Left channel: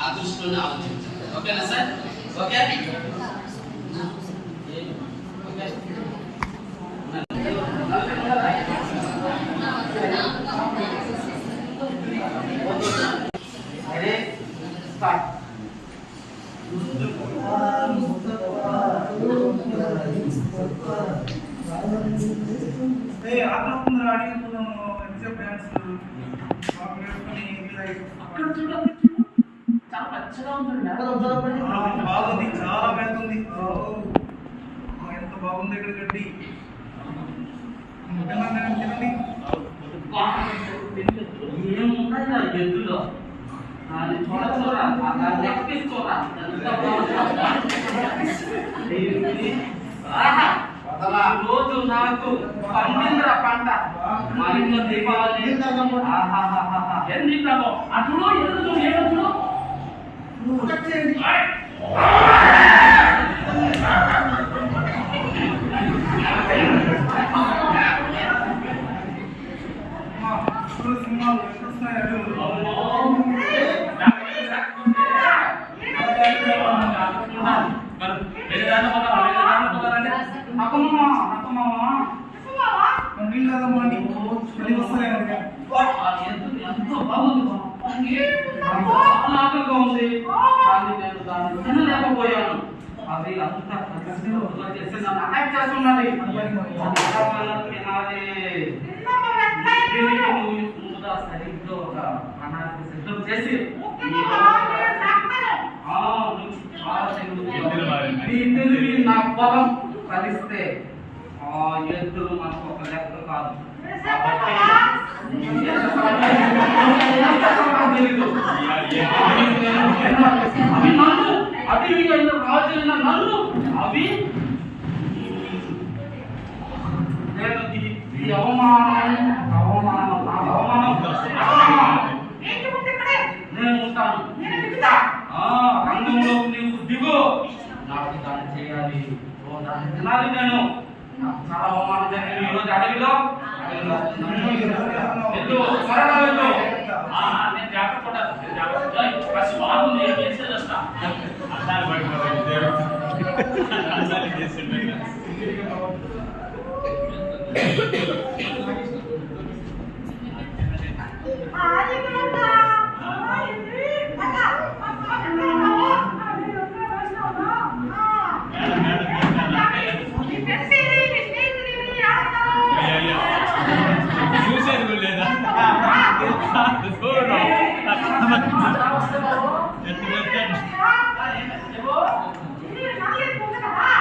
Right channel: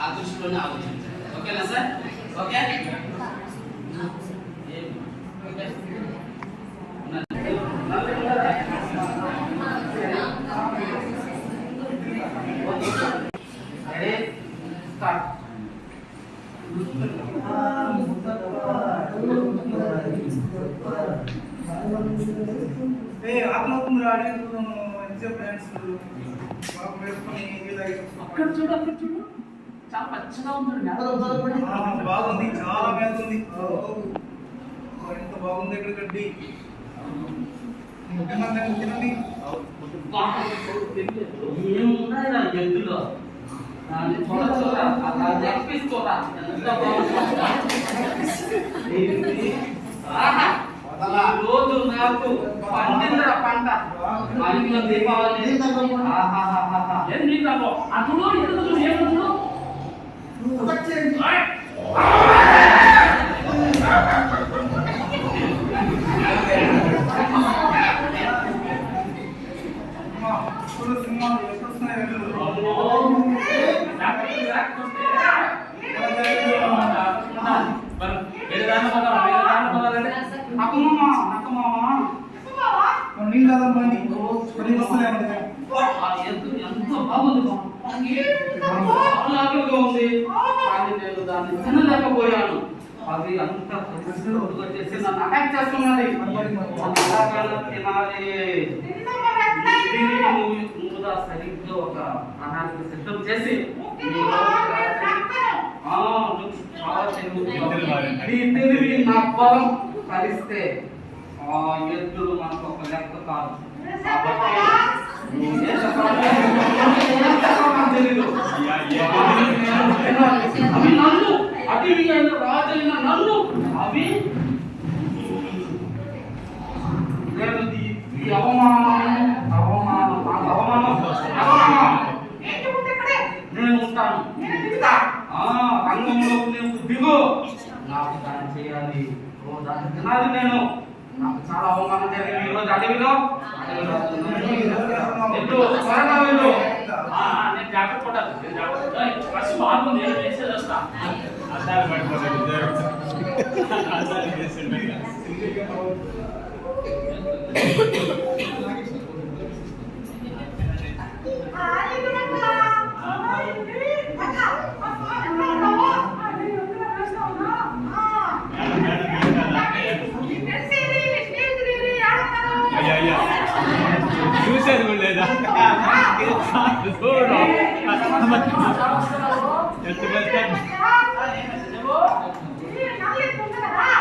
ఆ దృష్టిలోనే ఆలోచించాలి. ఓకేనా సార్? Okay ready start. అక్కడ చూడు, చాలా పచ్చగా ఉంటుంది. బాగుంది, చాలా బాగుంది. ఎంత బాగుంది ఇక్కడ గడ్డి. తినండి. ఏమున్నాయి ఎద్దులో చూడరా, చూడరా ఎంత రోజు నాకు పండిందిరా పంట. మా ఇంట్లో దీపావళి అటులో ఎదురు ఏమో సినిమాలు ఎప్పుడు వస్తున్నాయి? ఎంతో బాగుంది, ఆకలిగా ఉంది కానీ నేను దాన్ని తినలేకపోయాను. అది అంత చేసి నన్ను అటాక్ చేస్తున్నది. తినాలి సరిగ్గా ఒక ప్రణాళిక సిద్ధం చేసి ఈ తెలివి నా బలం కలిస్తే ఆ ఎద్దులు మనకు ఒక లెక్క కాదు. అవి నన్ను అడవి అయిన రాజు అయిన నన్ను అవి నేను ఈ అవమానం నేను ఉంటాను. రంగంలో నీవు దిగు, నాకు దాన్ని చేయాలి, దాన్ని తినాలి. నేను నాకు చాలా అవమానం జరిగింది ఈరోజు అడవిలో. త్వరగా వెళ్ళు. నేను జాగ్రత్త పడాలి. బాగుంది, మెసేజ్ వస్తా. చూసేది లేదా?